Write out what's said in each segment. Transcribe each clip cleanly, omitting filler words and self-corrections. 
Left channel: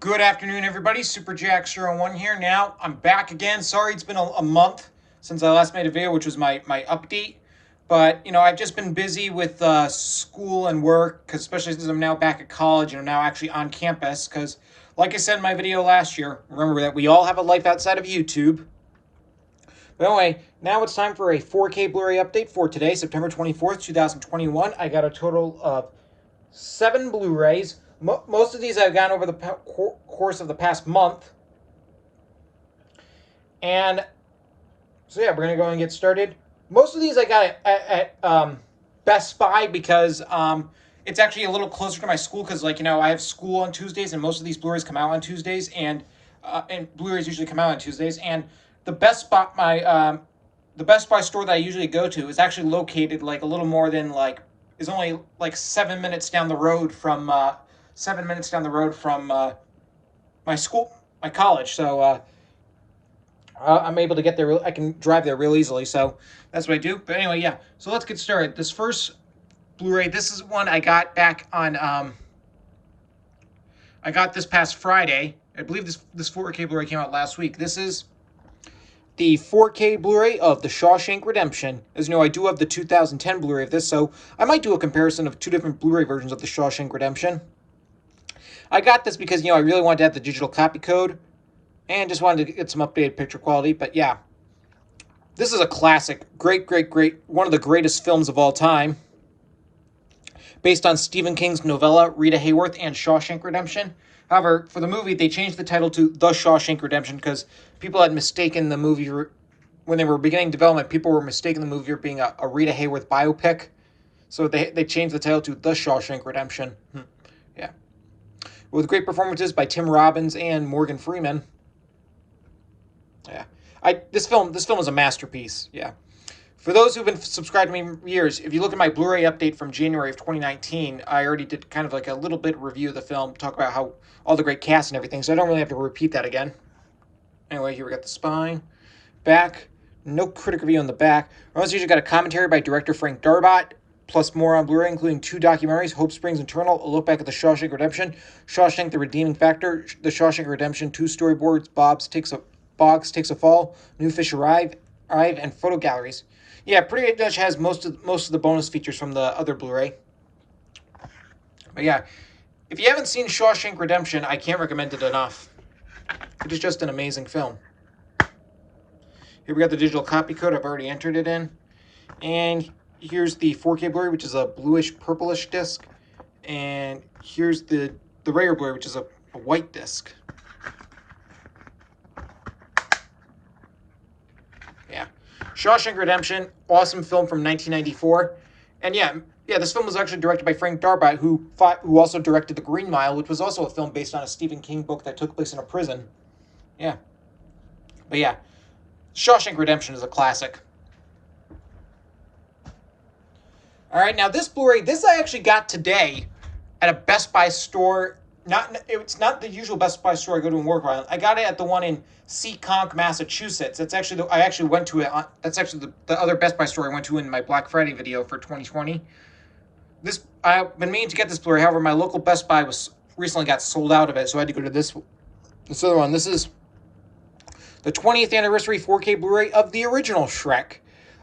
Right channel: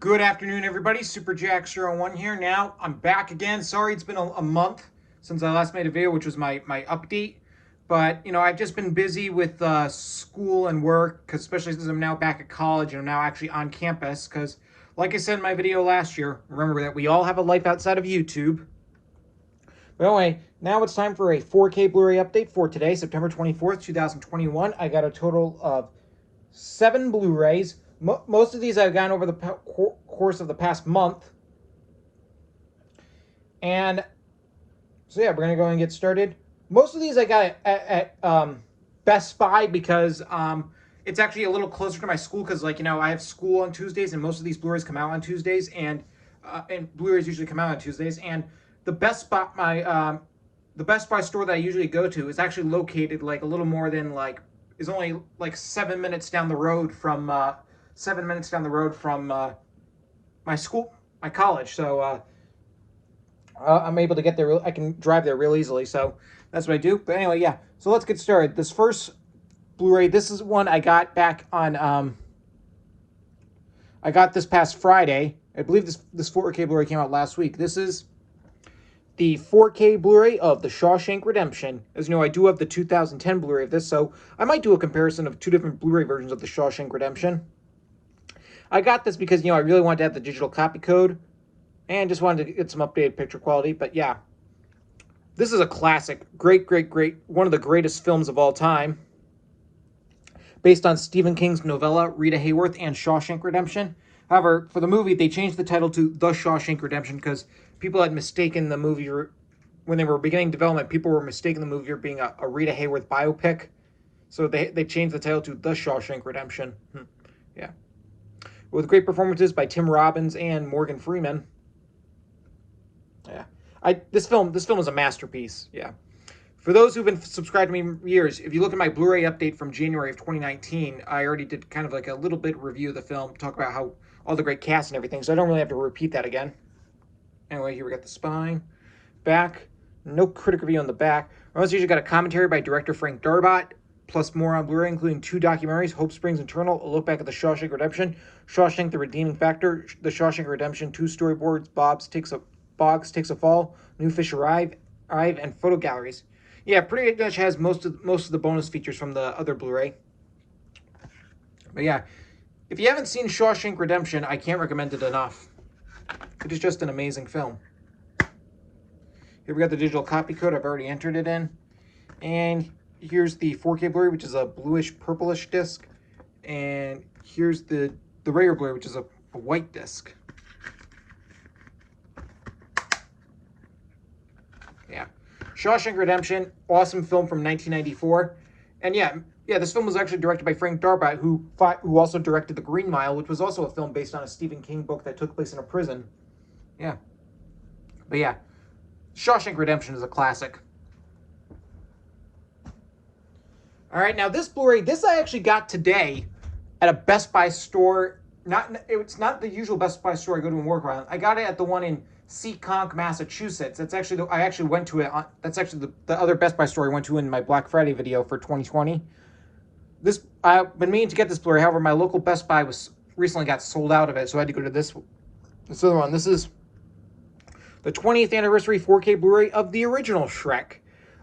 Good afternoon, everybody. SuperJack01 here. Now, I'm back again. Sorry it's been a month since I last made a video, which was my update. But, I've just been busy with school and work, cause especially since I'm now back at college and I'm now actually on campus. Because, like I said in my video last year, remember that we all have a life outside of YouTube. But anyway, now it's time for a 4K Blu-ray update for today, September 24th, 2021. I got a total of 7 Blu-rays. Most of these I've gotten over the course of the past month. And so yeah, we're going to go and get started. Most of these I got at Best Buy because it's actually a little closer to my school because, I have school on Tuesdays and most of these Blu-rays come out on Tuesdays and Blu-rays usually come out on Tuesdays. And the Best Buy, the Best Buy store that I usually go to is actually located a little more than is only 7 minutes down the road from 7 minutes down the road from my school, my college. So I'm able to get there. I can drive there real easily. So that's what I do. But anyway, yeah. So let's get started. This first Blu-ray, this is one I got back on. I got this past Friday. I believe this 4K Blu-ray came out last week. This is the 4K Blu-ray of The Shawshank Redemption. As you know, I do have the 2010 Blu-ray of this, so I might do a comparison of two different Blu-ray versions of The Shawshank Redemption. I got this because, I really wanted to have the digital copy code and just wanted to get some updated picture quality. But yeah, this is a classic. Great, one of the greatest films of all time. Based on Stephen King's novella, Rita, Hayworth, and Shawshank Redemption. However, for the movie, they changed the title to The Shawshank Redemption because people had mistaken the movie, when they were beginning development, people were mistaking the movie for being a Rita Hayworth biopic. So they changed the title to The Shawshank Redemption. Yeah. With great performances by Tim Robbins and Morgan Freeman. Yeah. This film is a masterpiece. Yeah. For those who've been subscribed to me for years, if you look at my Blu-ray update from January of 2019, I already did kind of a little bit review of the film, talk about how all the great cast and everything, so I don't really have to repeat that again. Anyway, here we got the spine, back, no critic review on the back. I also usually got a commentary by director Frank Darabont, plus more on Blu-ray, including 2 documentaries, Hope Springs Eternal, a look back at the Shawshank Redemption, Shawshank the Redeeming Factor, the Shawshank Redemption, 2 storyboards, Boggs Takes a Fall, New Fish Arrive, and photo galleries. Yeah, pretty much has most of the bonus features from the other Blu-ray. But yeah, if you haven't seen Shawshank Redemption, I can't recommend it enough. It is just an amazing film. Here we got the digital copy code. I've already entered it in. And here's the 4K Blu-ray, which is a bluish purplish disc. And here's the regular Blu-ray, which is a white disc. Yeah. Shawshank Redemption, awesome film from 1994. And yeah, this film was actually directed by Frank Darabont, who also directed The Green Mile, which was also a film based on a Stephen King book that took place in a prison. Yeah. But yeah, Shawshank Redemption is a classic. All right, now this Blu-ray, this I actually got today at a Best Buy store. It's not the usual Best Buy store I go to and work around. I got it at the one in Seekonk, Massachusetts. That's actually I actually went to it. That's actually the other Best Buy store I went to in my Black Friday video for 2020. I've been meaning to get this Blu-ray. However, my local Best Buy recently got sold out of it, so I had to go to this other one. This is the 20th anniversary 4K Blu-ray of the original Shrek.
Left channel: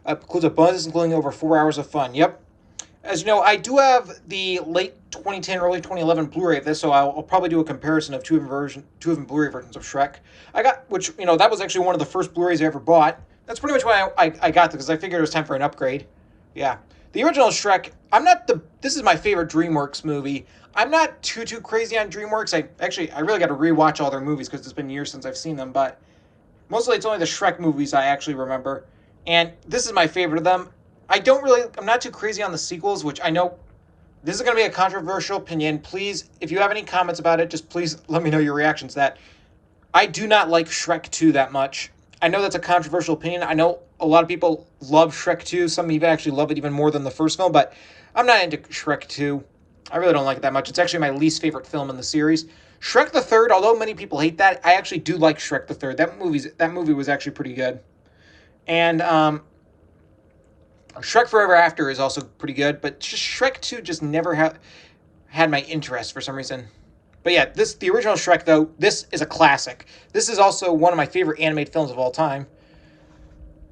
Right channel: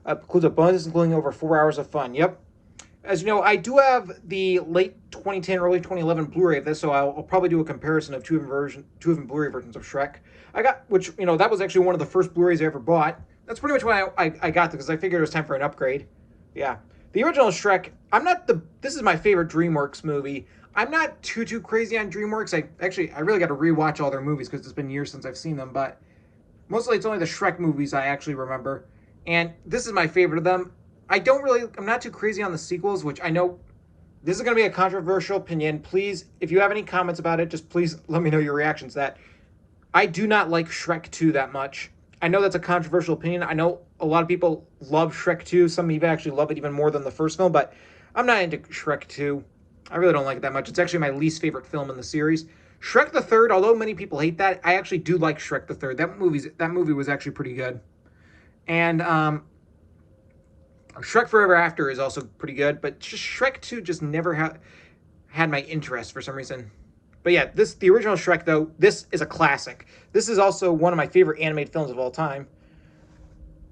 Includes a bonus including over 4 hours of fun. Yep. As you know, I do have the late 2010, early 2011 Blu-ray of this, so I'll probably do a comparison of two of them Blu-ray versions of Shrek. Which, that was actually one of the first Blu-rays I ever bought. That's pretty much why I got this, because I figured it was time for an upgrade. Yeah. The original Shrek, this is my favorite DreamWorks movie. I'm not too crazy on DreamWorks. I really got to rewatch all their movies, because it's been years since I've seen them, but mostly it's only the Shrek movies I actually remember. And this is my favorite of them. I'm not too crazy on the sequels, which I know this is going to be a controversial opinion. Please, if you have any comments about it, just please let me know your reactions to that. I do not like Shrek 2 that much. I know that's a controversial opinion. I know a lot of people love Shrek 2. Some even actually love it even more than the first film, but I'm not into Shrek 2. I really don't like it that much. It's actually my least favorite film in the series. Shrek the Third, although many people hate that, I actually do like Shrek the Third. That movie was actually pretty good. And Shrek Forever After is also pretty good, but just Shrek 2 just never had my interest for some reason. But yeah, the original Shrek, though, this is a classic. This is also one of my favorite animated films of all time.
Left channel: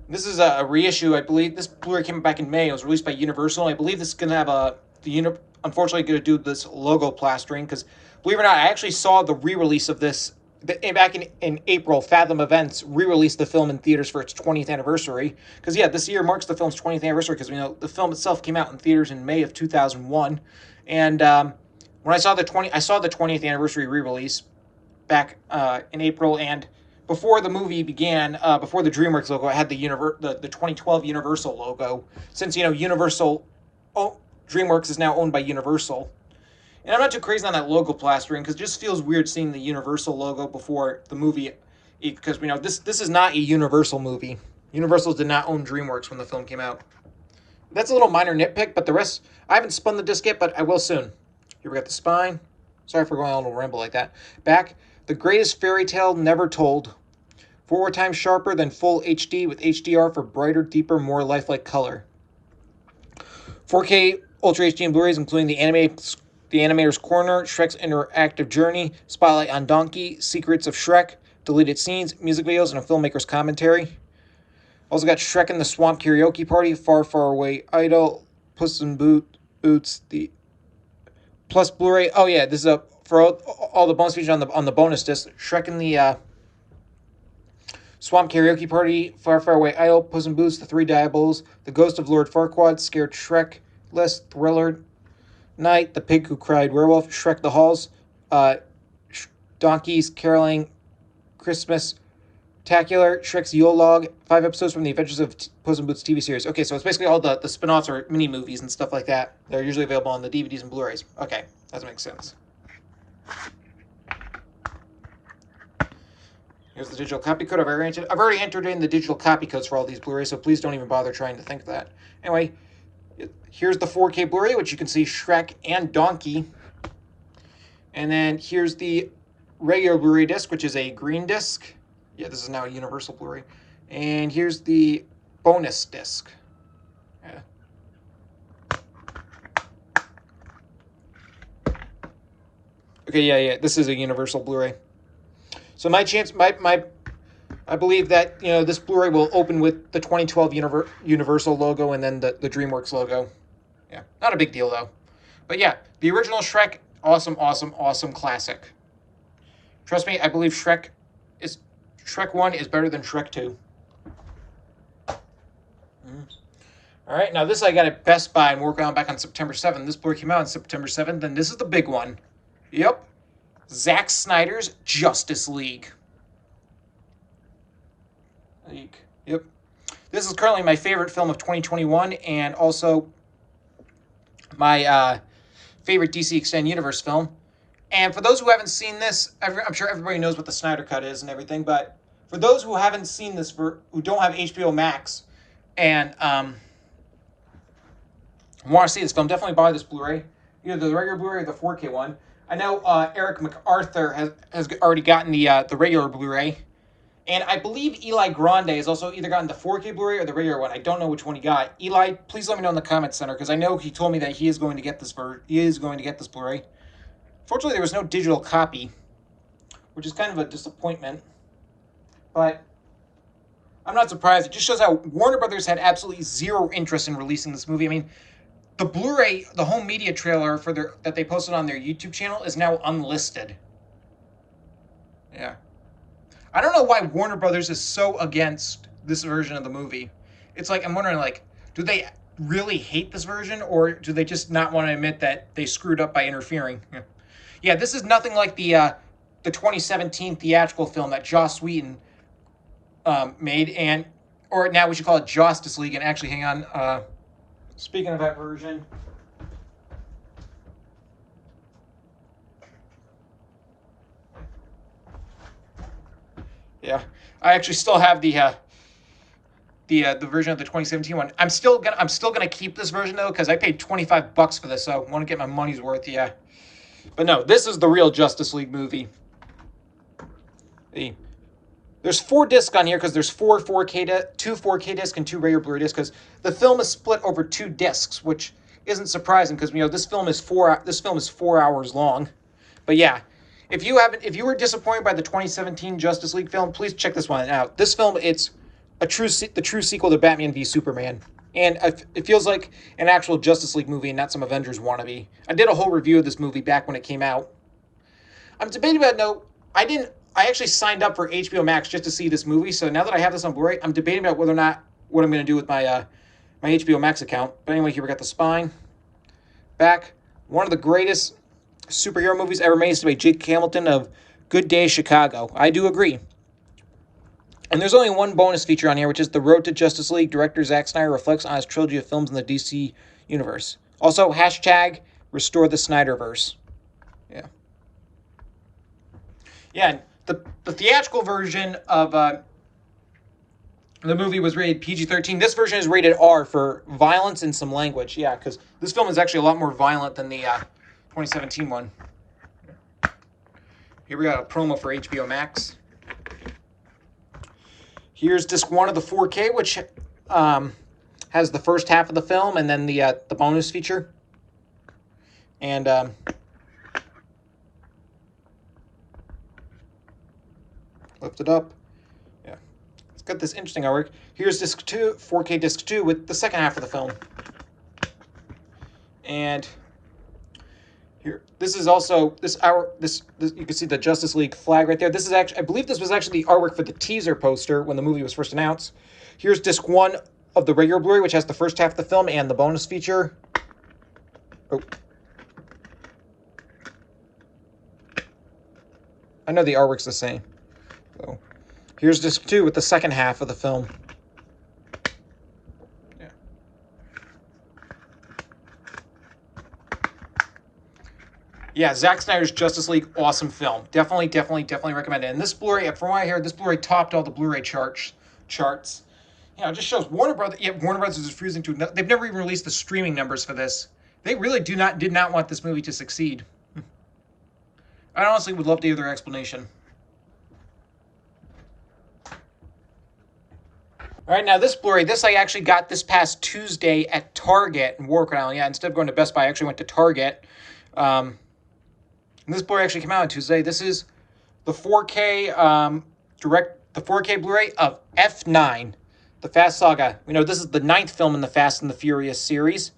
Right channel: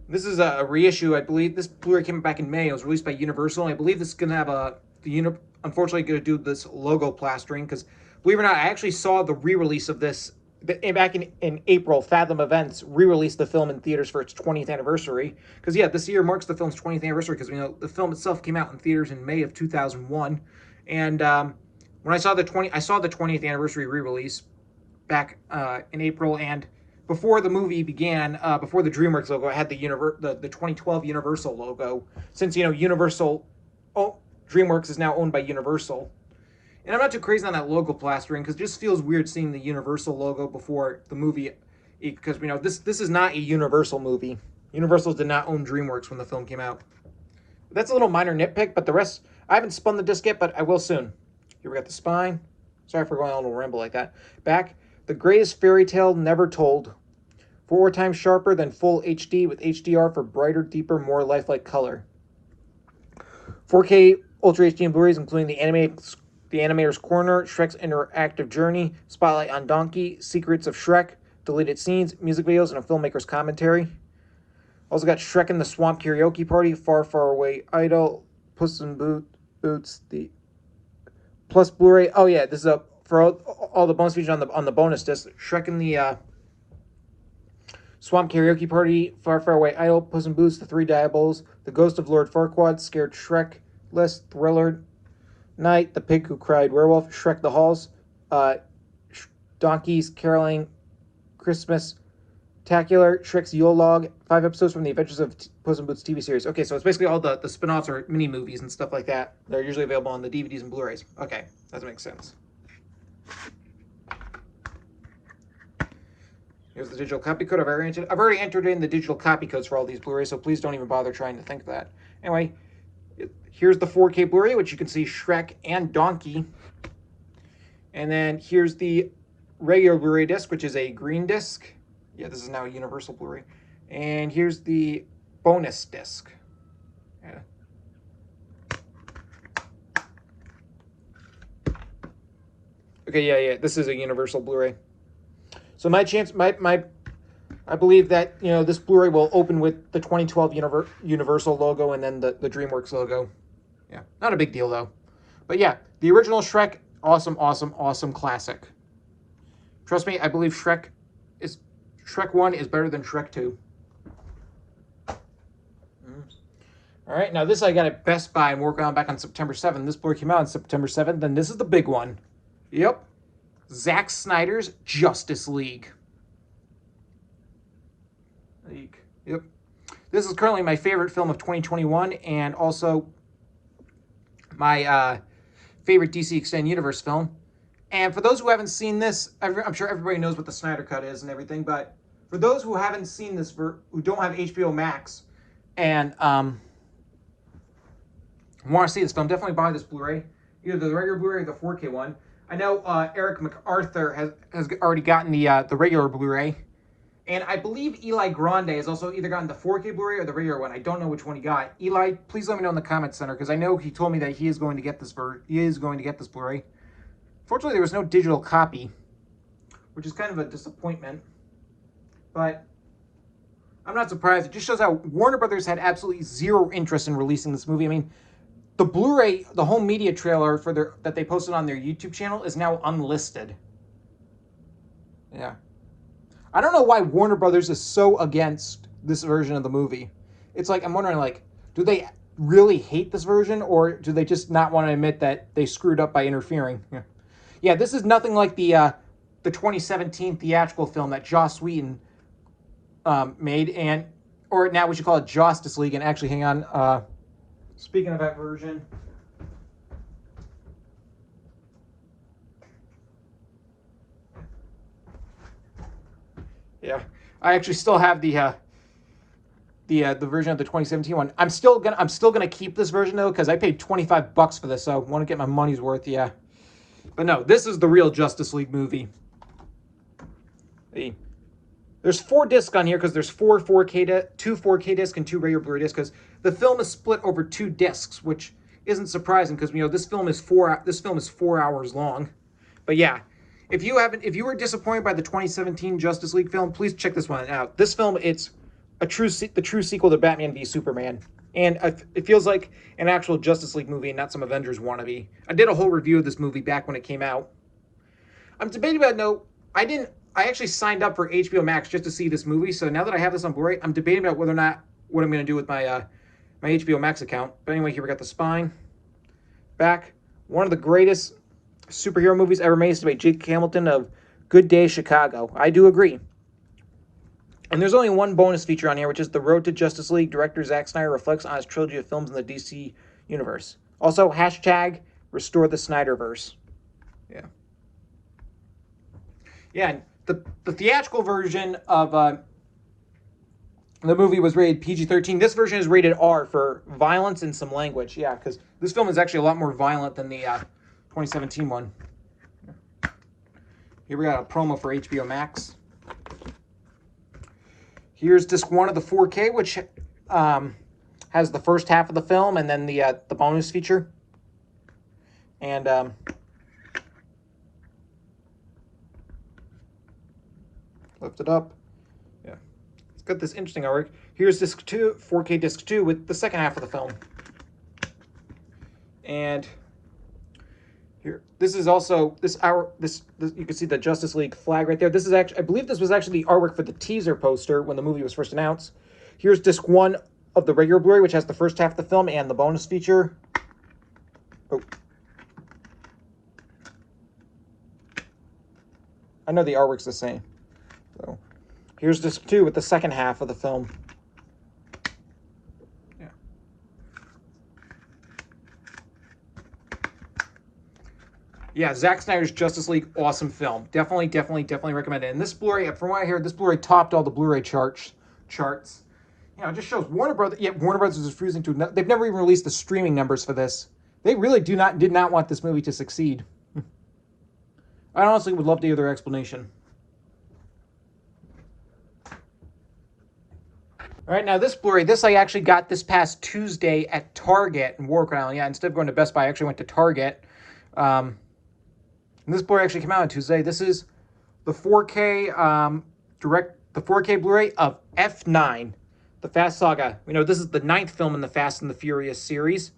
This is a reissue, I believe. This Blu-ray came back in May. It was released by Universal. I believe this is going to have unfortunately going to do this logo plastering, because believe it or not, I actually saw the re-release of this back in April. Fathom Events re-released the film in theaters for its 20th anniversary. Because yeah, this year marks the film's 20th anniversary, because the film itself came out in theaters in May of 2001. And when I saw the 20th anniversary re-release back in April, and before the movie began, before the DreamWorks logo, it had the 2012 Universal logo. Since Universal, DreamWorks is now owned by Universal. And I'm not too crazy on that logo plastering, because it just feels weird seeing the Universal logo before the movie, because this is not a Universal movie. Universal did not own DreamWorks when the film came out. That's a little minor nitpick, but the rest, I haven't spun the disc yet, but I will soon. Here we got the spine. Sorry for going on a little ramble like that. Back, the greatest fairy tale never told. 4 times sharper than full HD with HDR for brighter, deeper, more lifelike color. 4K Ultra HD and Blu-rays, including the Animator's Corner, Shrek's Interactive Journey, Spotlight on Donkey, Secrets of Shrek, deleted scenes, music videos, and a filmmaker's commentary. Also got Shrek in the Swamp Karaoke Party, Far, Far Away Idol, Puss in Boots, the plus Blu-ray. Oh yeah, this is for all the bonus features on the bonus disc. Shrek in the Swamp Karaoke Party, Far, Far Away Idol, Puss in Boots, The Three Diabolos, The Ghost of Lord Farquaad, Scared Shrek, List, Thriller Night, The Pig Who Cried Werewolf, Shrek the Halls, Donkeys, Caroling, Christmas, Tacular, Shrek's Yule Log, 5 episodes from the Adventures of Puss in Boots TV series. Okay, so it's basically all the spin-offs or mini-movies and stuff like that. They're usually available on the DVDs and Blu-rays. Okay, that makes sense. Here's the digital copy code. I've already entered in the digital copy codes for all these Blu-rays, so please don't even bother trying to think of that. Anyway, here's the 4K Blu-ray, which you can see Shrek and Donkey. And then here's the regular Blu-ray disc, which is a green disc. Yeah, this is now a Universal Blu-ray. And here's the bonus disc. Yeah. Okay, yeah, this is a Universal Blu-ray. So I believe that this Blu-ray will open with the 2012 Universal logo and then the DreamWorks logo. Yeah, not a big deal though. But yeah, the original Shrek, awesome, awesome, awesome classic. Trust me, I believe Shrek 1 is better than Shrek 2. All right, now this I got at Best Buy and working on back on September 7th. This Blu-ray came out on September 7th, and this is the big one. Yep. Zack Snyder's Justice League. Yep. This is currently my favorite film of 2021, and also my favorite DC Extended Universe film. And for those who haven't seen this, I'm sure everybody knows what the Snyder Cut is and everything, but for those who haven't seen this, who don't have HBO Max, and want to see this film, definitely buy this Blu-ray. Either the regular Blu-ray or the 4K one. I know Eric MacArthur has already gotten the regular Blu-ray. And I believe Eli Grande has also either gotten the 4K Blu-ray or the regular one. I don't know which one he got. Eli, please let me know in the comments center, because I know he told me that he is going to get this Blu-ray. Fortunately, there was no digital copy, which is kind of a disappointment. But I'm not surprised. It just shows how Warner Brothers had absolutely zero interest in releasing this movie. I mean, the Blu-ray, the home media trailer that they posted on their YouTube channel is now unlisted. Yeah. I don't know why Warner Brothers is so against this version of the movie. It's like, I'm wondering, do they really hate this version, or do they just not want to admit that they screwed up by interfering? Yeah, this is nothing like the 2017 theatrical film that Joss Whedon made, or now we should call it Justice League. And actually, hang on. Speaking of that version, yeah, I actually still have the version of the 2017 one. I'm still gonna keep this version though, because I paid $25 for this, so I want to get my money's worth. Yeah, but no, this is the real Justice League movie. There's 4 discs on here because there's 2 4K discs and 2 regular Blu-ray discs, because the film is split over 2 discs, which isn't surprising because this film is 4 hours long. But yeah, if you were disappointed by the 2017 Justice League film, please check this one out. This film, it's the true sequel to Batman v Superman, and it feels like an actual Justice League movie and not some Avengers wannabe. I did a whole review of this movie back when it came out. I'm debating about I actually signed up for HBO Max just to see this movie, so now that I have this on Blu-ray, I'm debating about whether or not what I'm going to do with my my HBO Max account. But anyway, here we got the spine, back. One of the greatest superhero movies ever made is by Jake Hamilton of Good Day Chicago. I do agree. And there's only one bonus feature on here, which is The Road to Justice League. Director Zack Snyder reflects on his trilogy of films in the DC universe. Also, hashtag restore the Snyderverse. Yeah. Yeah, the theatrical version of the movie was rated PG-13. This version is rated R for violence and some language. Yeah, because this film is actually a lot more violent than the 2017 one. Here we got a promo for HBO Max. Here's disc 1 of the 4K, which has the first half of the film and then the bonus feature. And lift it up. Yeah, it's got this interesting artwork. Here's disc 2, 4K disc 2 with the second half of the film. And here, this is also this you can see the Justice League flag right there. This is actually, I believe this was actually the artwork for the teaser poster when the movie was first announced. Here's disc 1 of the regular Blu-ray, which has the first half of the film and the bonus feature. Oh. I know the artwork's the same. So, here's disc 2 with the second half of the film. Yeah. Yeah, Zack Snyder's Justice League, awesome film. Definitely recommend it. And this Blu-ray, from what I hear, this Blu-ray topped all the Blu-ray charts. You know, it just shows Warner Brothers. Yeah, Warner Brothers is refusing to. They've never even released the streaming numbers for this. They really did not want this movie to succeed. I honestly would love to hear their explanation. All right, now this Blu-ray, this I actually got this past Tuesday at Target in Warwick Island. Yeah, instead of going to Best Buy, I actually went to Target. And this Blu-ray actually came out on Tuesday. This is the 4K the 4K Blu-ray of F9, the Fast Saga. You know, this is the 9th film in the Fast and the Furious series.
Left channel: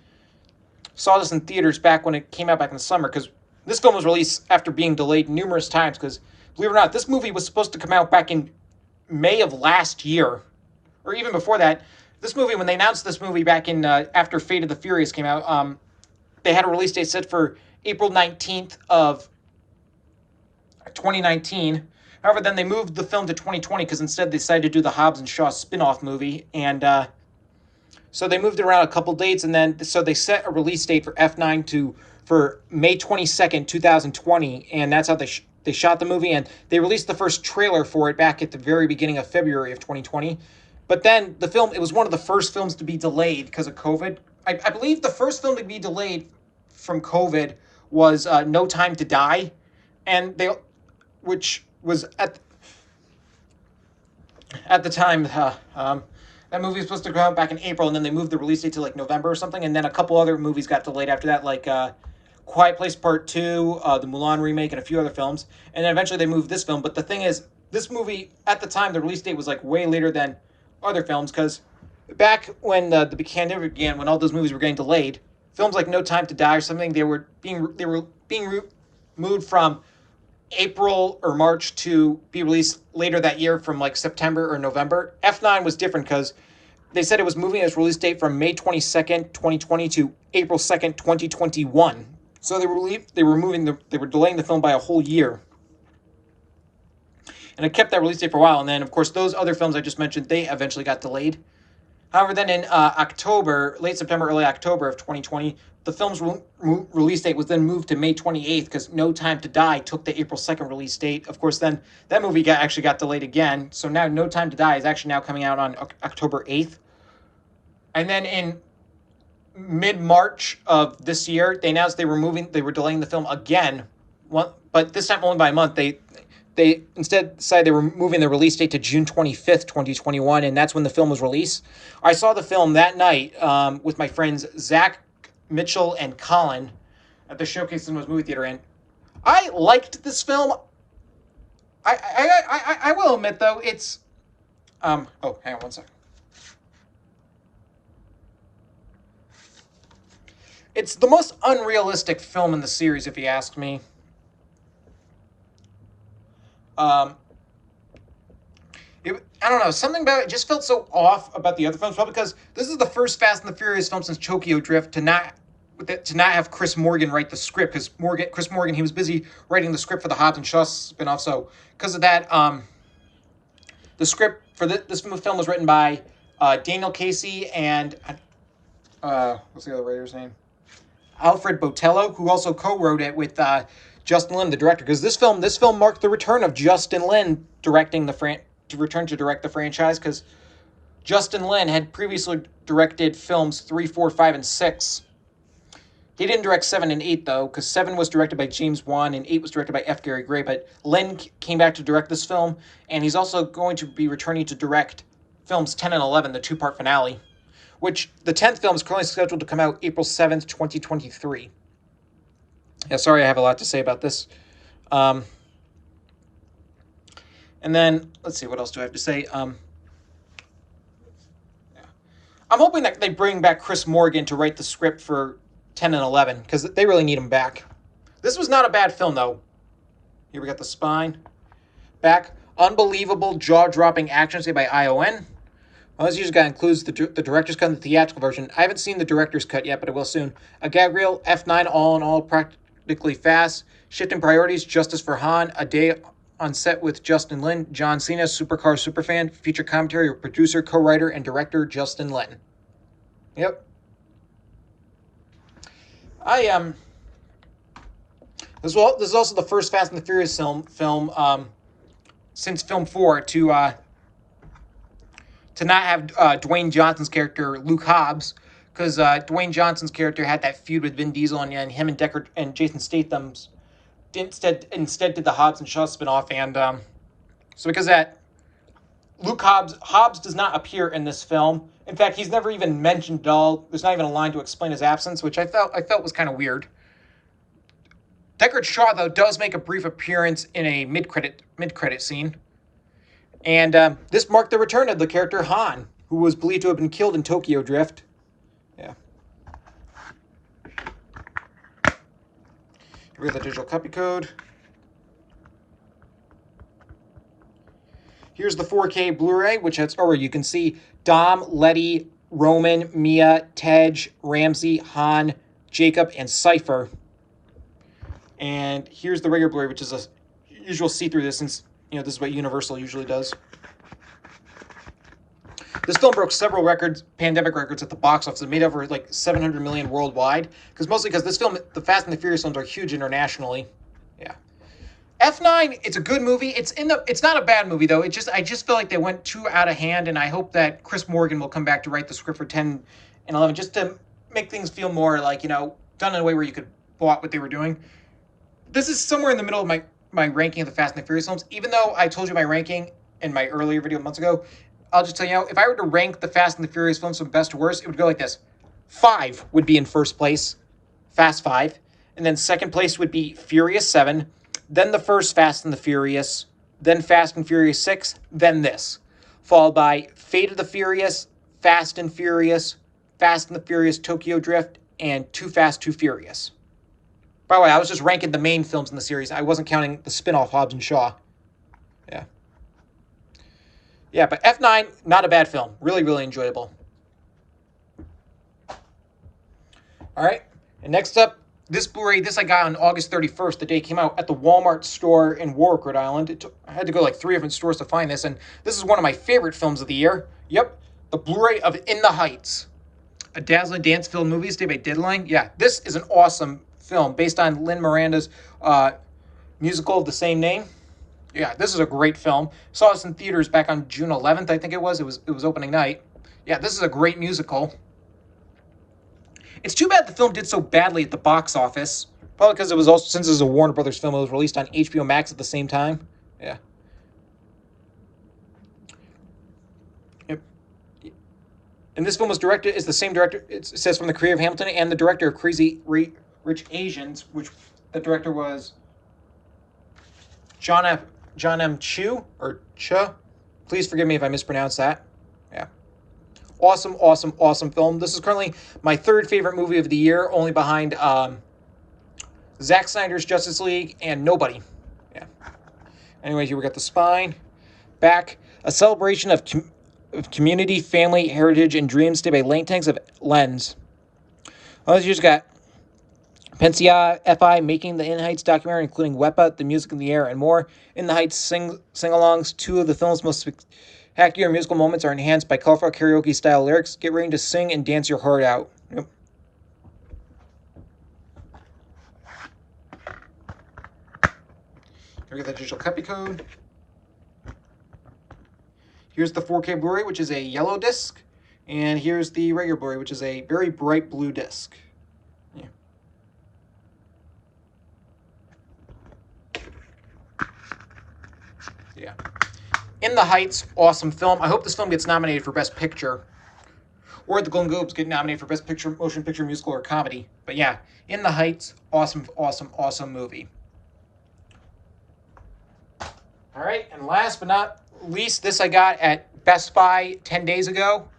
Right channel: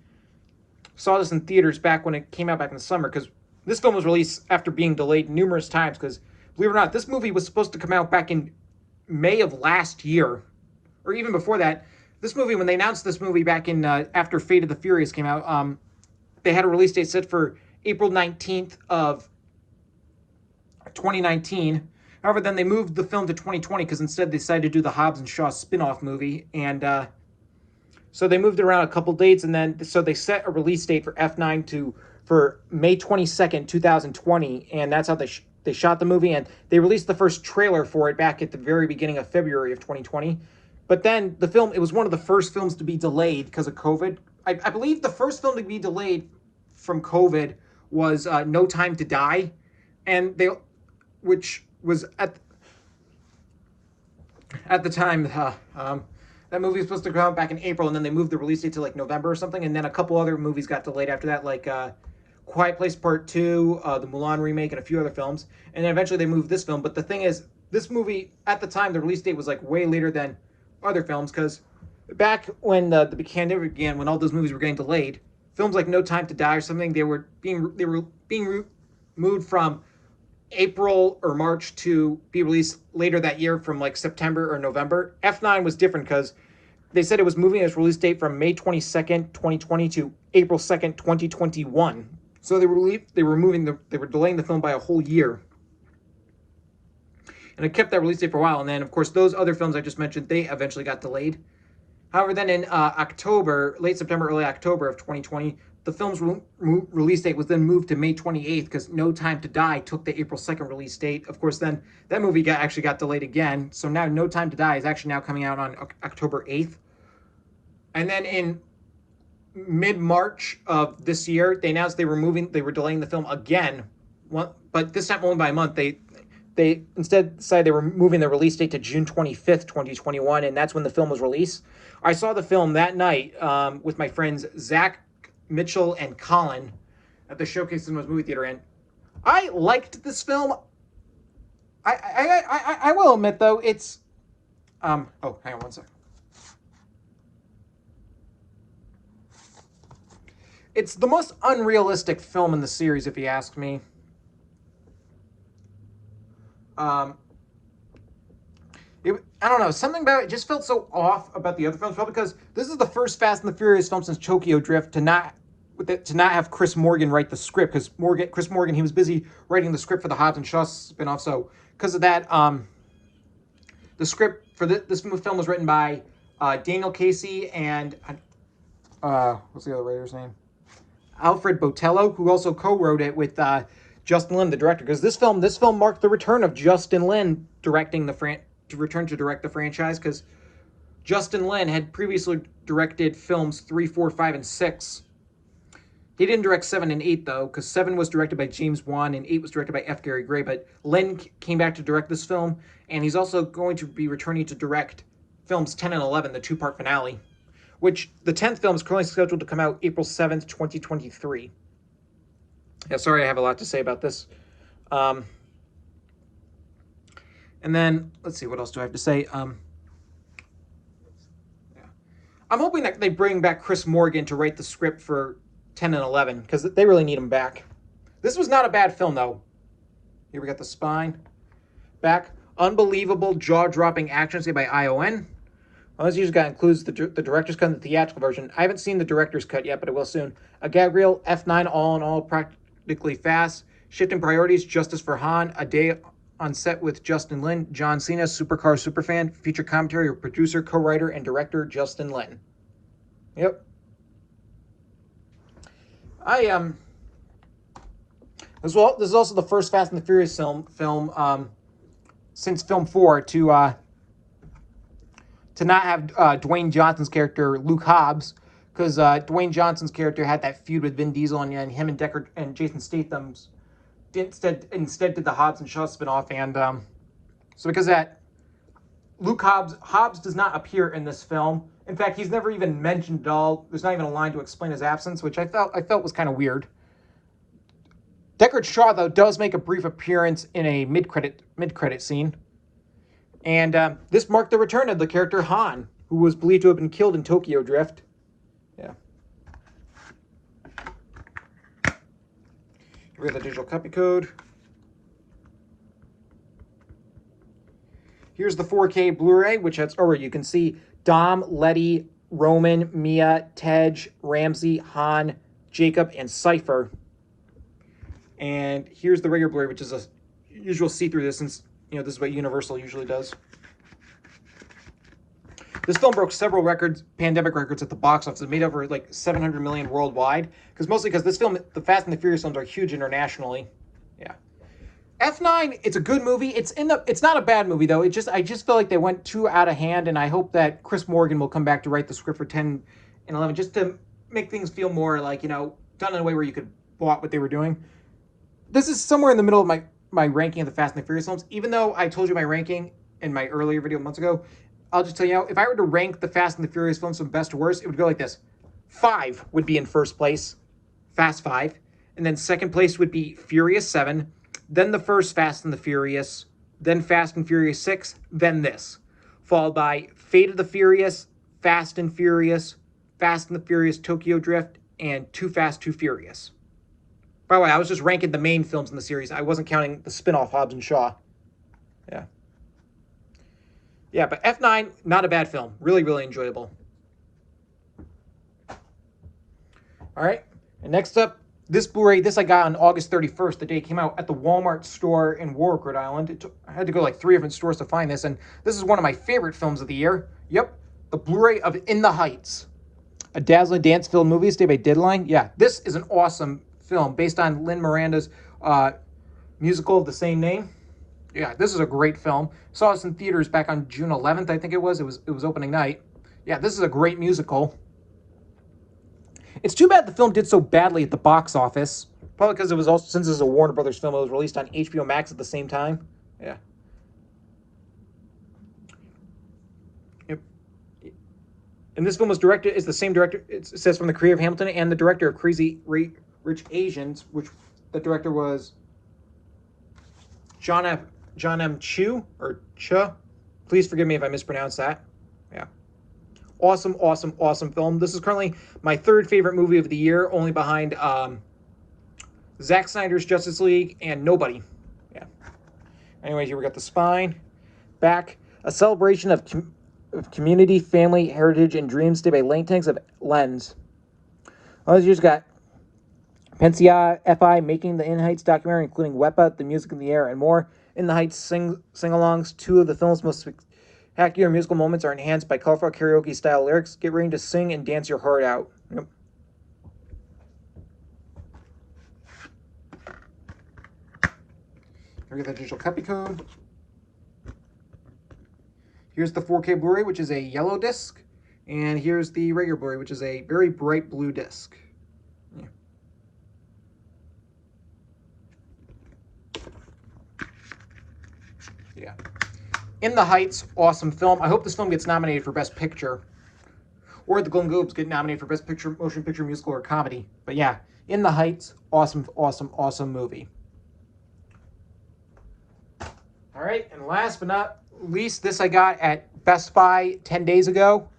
Saw this in theaters back when it came out back in the summer, because this film was released after being delayed numerous times, because, believe it or not, this movie was supposed to come out back in May of last year, or even before that. This movie, when they announced this movie back in, after Fate of the Furious came out, they had a release date set for April 19th of 2019. However, then they moved the film to 2020, because instead they decided to do the Hobbs and Shaw spin-off movie, and so they moved it around a couple dates, and then so they set a release date for F9 for May 22nd, 2020, and that's how they shot the movie, and they released the first trailer for it back at the very beginning of February of 2020. But then the film, it was one of the first films to be delayed because of COVID. I believe the first film to be delayed from COVID was No Time to Die, and which was at the time, that movie was supposed to come out back in April, and then they moved the release date to like November or something, and then a couple other movies got delayed after that, like Quiet Place Part 2, the Mulan remake, and a few other films, and then eventually they moved this film. But the thing is, this movie, at the time, the release date was like way later than other films, because back when the pandemic began, when all those movies were getting delayed, films like No Time to Die or something, they were being moved from April or March to be released later that year from like September or November. F9 was different because they said it was moving its release date from May 22nd, 2020 to April 2nd, 2021. So they were delaying the film by a whole year. And it kept that release date for a while. And then, of course, those other films I just mentioned, they eventually got delayed. However, then in late September, early October of 2020, the film's release date was then moved to May 28th because No Time to Die took the April 2nd release date. Of course, then that movie actually got delayed again. So now No Time to Die is actually now coming out on October 8th. And then in mid-March of this year, they announced they were delaying the film again, but this time only by a month. They instead decided they were moving the release date to June 25th, 2021, and that's when the film was released. I saw the film that night with my friends Zach, Mitchell, and Colin at the Showcase Cinemas movie theater, and I liked this film. I will admit, though, it's... oh, hang on one second. It's the most unrealistic film in the series, if you ask me. I don't know, something about it just felt so off about the other films, probably because this is the first Fast and the Furious film since Tokyo Drift to not have Chris Morgan write the script, because Chris Morgan, he was busy writing the script for the Hobbs and Shaw spinoff. So because of that, the script for this film was written by Daniel Casey and what's the other writer's name? Alfred Botello, who also co-wrote it with Justin Lin, the director. Because this film marked the return of Justin Lin to direct the franchise, because Justin Lin had previously directed films 3, 4, 5, and 6. He didn't direct 7 and 8, though, because 7 was directed by James Wan and 8 was directed by F. Gary Gray. But Lin came back to direct this film, and he's also going to be returning to direct films 10 and 11, the two-part finale, which the 10th film is currently scheduled to come out April 7th, 2023. Yeah, sorry, I have a lot to say about this. And then, let's see, what else do I have to say? Yeah. I'm hoping that they bring back Chris Morgan to write the script for 10 and 11, because they really need him back. This was not a bad film, though. Here we got the spine back. Unbelievable, jaw-dropping action saved by ION. This usually guy includes the director's cut and the theatrical version. I haven't seen the director's cut yet, but I will soon. A gag reel, F9, all in all, practically fast. Shifting priorities, Justice for Han, a day on set with Justin Lin, John Cena, supercar superfan, feature commentary of producer, co-writer, and director Justin Lin. Yep. This is also the first Fast and the Furious film since film 4 to not have Dwayne Johnson's character Luke Hobbs, because Dwayne Johnson's character had that feud with Vin Diesel, and him and Deckard and Jason Statham's instead did the Hobbs and Shaw spinoff, and so because of that, Luke Hobbs does not appear in this film. In fact, he's never even mentioned at all. There's not even a line to explain his absence, which I felt was kind of weird. Deckard Shaw, though, does make a brief appearance in a mid-credit scene. And this marked the return of the character Han, who was believed to have been killed in Tokyo Drift. Yeah. Here we have the digital copy code. Here's the 4K Blu-ray, where you can see Dom, Letty, Roman, Mia, Tej, Ramsey, Han, Jacob, and Cypher. And here's the regular Blu-ray, which is a usual see-through this, since this is what Universal usually does. This film broke several pandemic records at the box office. It made over like 700 million worldwide, mostly because this film, the Fast and the Furious films, are huge internationally. Yeah. F9, it's a good movie. It's not a bad movie, though. I just feel like they went too out of hand, and I hope that Chris Morgan will come back to write the script for 10 and 11, just to make things feel more like, done in a way where you could bought what they were doing. This is somewhere in the middle of my ranking of the Fast and the Furious films. Even though I told you my ranking in my earlier video months ago, I'll just tell you now, if I were to rank the Fast and the Furious films from best to worst, it would go like this. 5 would be in first place, Fast 5. And then second place would be Furious 7. Then the first Fast and the Furious. Then Fast and Furious 6. Then this. Followed by Fate of the Furious, Fast and the Furious Tokyo Drift, and Too Fast, Too Furious. By the way, I was just ranking the main films in the series. I wasn't counting the spin-off Hobbs and Shaw. Yeah. Yeah, but F9, not a bad film. Really, really enjoyable. All right. And next up, this Blu-ray, I got on August 31st, the day it came out, at the Walmart store in Warwick, Rhode Island. I had to go like 3 different stores to find this, and this is one of my favorite films of the year. Yep, the Blu-ray of In the Heights, a dazzling dance-filled movie stayed by Deadline. Yeah, this is an awesome film based on Lin Miranda's musical of the same name. Yeah, this is a great film. Saw this in theaters back on June 11th, I think it was. It was opening night. Yeah, this is a great musical. It's too bad the film did so badly at the box office. Probably because it was also, since it was a Warner Brothers film, it was released on HBO Max at the same time. Yeah. Yep. And this film was directed, is the same director, it says, from the creator of Hamilton and the director of Crazy Rich Asians, which the director was John M. Chu, or Cha. Please forgive me if I mispronounce that. Yeah. Awesome, awesome, awesome film. This is currently my third favorite movie of the year, only behind Zack Snyder's Justice League and Nobody. Yeah. Anyway, here we got the spine, back, a celebration of community, family, heritage, and dreams to by Langtanks of Lens. Well, you just got Pensia FI making the In the Heights documentary, including Wepa, The Music in the Air, and more. In the Heights sing-alongs, two of the film's most spectacular musical moments are enhanced by colorful karaoke-style lyrics. Get ready to sing and dance your heart out. Yep. Here we get the digital copy code. Here's the 4K Blu-ray, which is a yellow disc. And here's the regular Blu-ray, which is a very bright blue disc. Yeah. In the Heights, awesome film. I hope this film gets nominated for Best Picture. Or the Golden Globes get nominated for Best Picture, Motion Picture, Musical, or Comedy. But yeah, In the Heights, awesome, awesome, awesome movie. All right, and last but not least, this I got at Best Buy 10 days ago.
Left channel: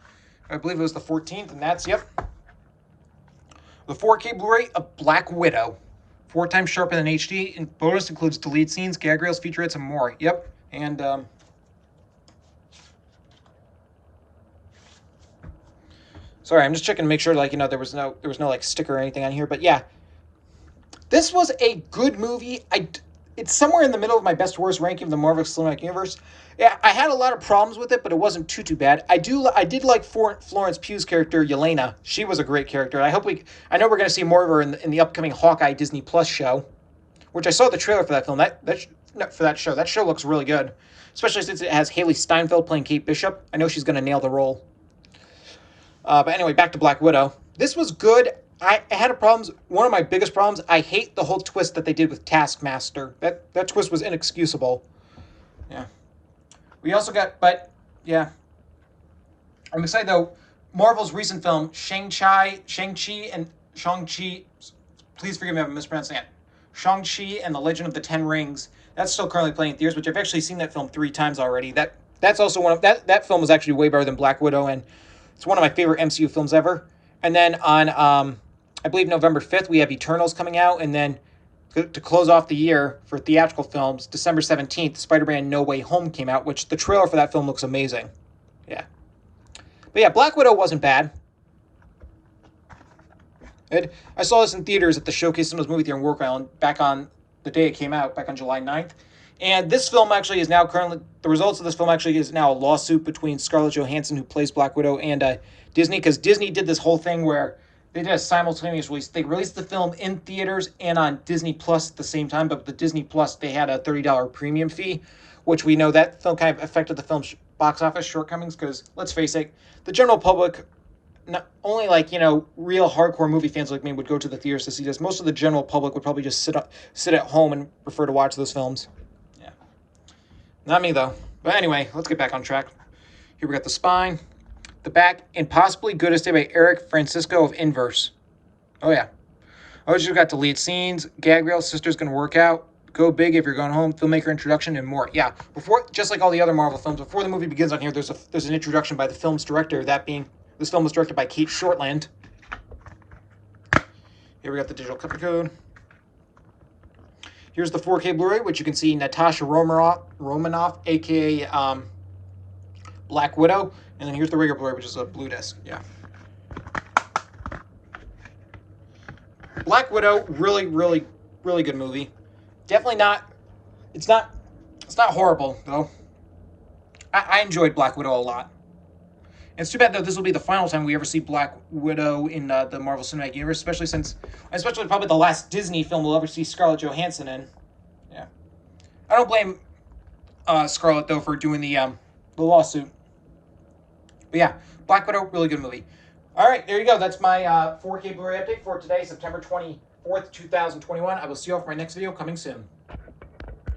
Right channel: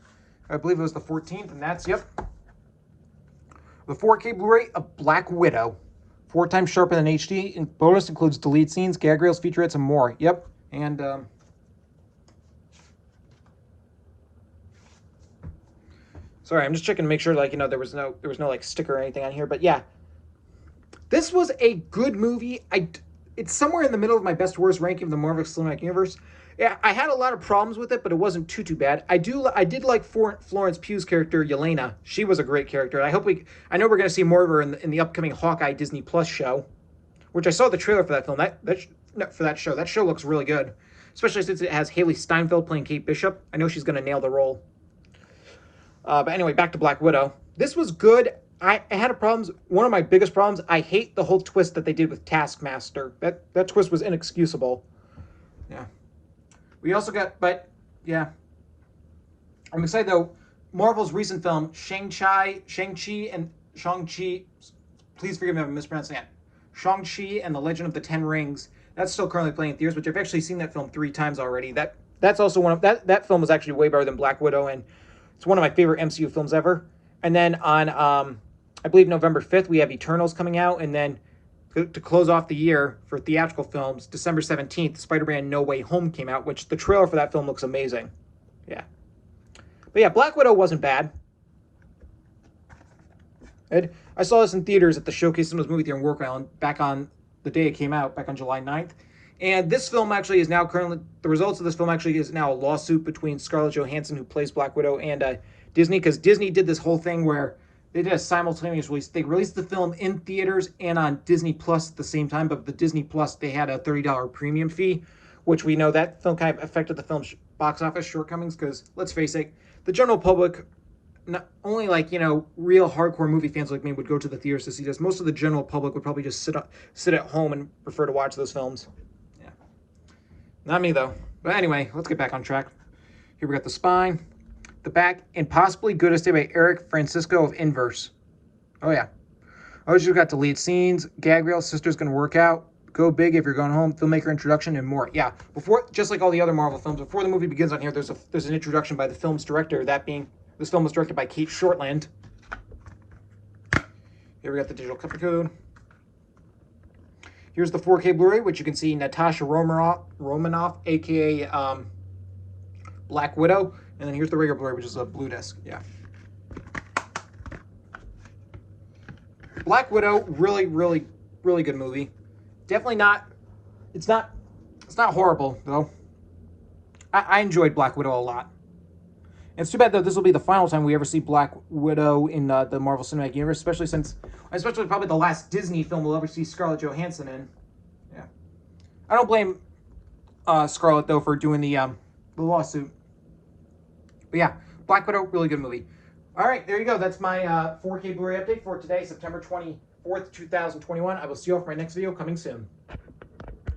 I believe it was the 14th, and that's, yep, the 4K Blu-ray of Black Widow. 4 times sharper than HD. And bonus includes deleted scenes, gag reels, featurettes, and more. Yep. And sorry, I'm just checking to make sure, like, you know, there was no like sticker or anything on here. But yeah, this was a good movie. It's somewhere in the middle of my best worst ranking of the Marvel Cinematic Universe. Yeah, I had a lot of problems with it, but it wasn't too bad. I did like Florence Pugh's character, Yelena. She was a great character. I know we're going to see more of her in the upcoming Hawkeye Disney Plus show, which I saw the trailer for that film. That show looks really good, especially since it has Haley Steinfeld playing Kate Bishop. I know she's going to nail the role. But anyway, back to Black Widow. This was good. I had problems. One of my biggest problems, I hate the whole twist that they did with Taskmaster. That twist was inexcusable. Yeah. We also got, but yeah. I'm excited though. Marvel's recent film, Shang-Chi, please forgive me if I'm mispronouncing that. Shang-Chi and the Legend of the Ten Rings. That's still currently playing in theaters, which I've actually seen that film 3 times already. That's also one of that film is actually way better than Black Widow, and it's one of my favorite MCU films ever. And then on I believe November 5th we have Eternals coming out, and then to close off the year for theatrical films, December 17th, Spider-Man No Way Home came out, which the trailer for that film looks amazing. Yeah. But yeah, Black Widow wasn't bad. I saw this in theaters at the Showcase Cinemas movie theater in Warwick Island back on the day it came out, back on July 9th. And this film actually is now the results of this film actually is now a lawsuit between Scarlett Johansson, who plays Black Widow, and Disney, because Disney did this whole thing where they did a simultaneous release. They released the film in theaters and on Disney Plus at the same time, but with the Disney Plus, they had a $30 premium fee, which we know that film kind of affected the film's box office shortcomings, because let's face it, the general public, not only like, you know, real hardcore movie fans like me would go to the theaters to see this. Most of the general public would probably just sit at home and prefer to watch those films. Yeah. Not me, though. But anyway, let's get back on track. Here we got the spine, the back, and possibly good as day by Eric Francisco of Inverse. Oh, yeah. Oh, you got deleted scenes, gag reel, Sister's Gonna Work Out, Go Big If You're Going Home, filmmaker introduction, and more. Yeah, just like all the other Marvel films, before the movie begins on here, there's an introduction by the film's director, that being, this film was directed by Kate Shortland. Here we got the digital copy code. Here's the 4K Blu-ray, which you can see Natasha Romanoff, a.k.a. Black Widow. And then here's the regular Blu-ray, which is a blue disc. Yeah. Black Widow, really, really, really good movie. Definitely not, it's not horrible, though. I enjoyed Black Widow a lot. And it's too bad, though, this will be the final time we ever see Black Widow in the Marvel Cinematic Universe, especially probably the last Disney film we'll ever see Scarlett Johansson in. Yeah. I don't blame Scarlett, though, for doing the lawsuit. But yeah, Black Widow, really good movie. All right, there you go. That's my 4K Blu-ray update for today, September 24th, 2021. I will see you all for my next video coming soon.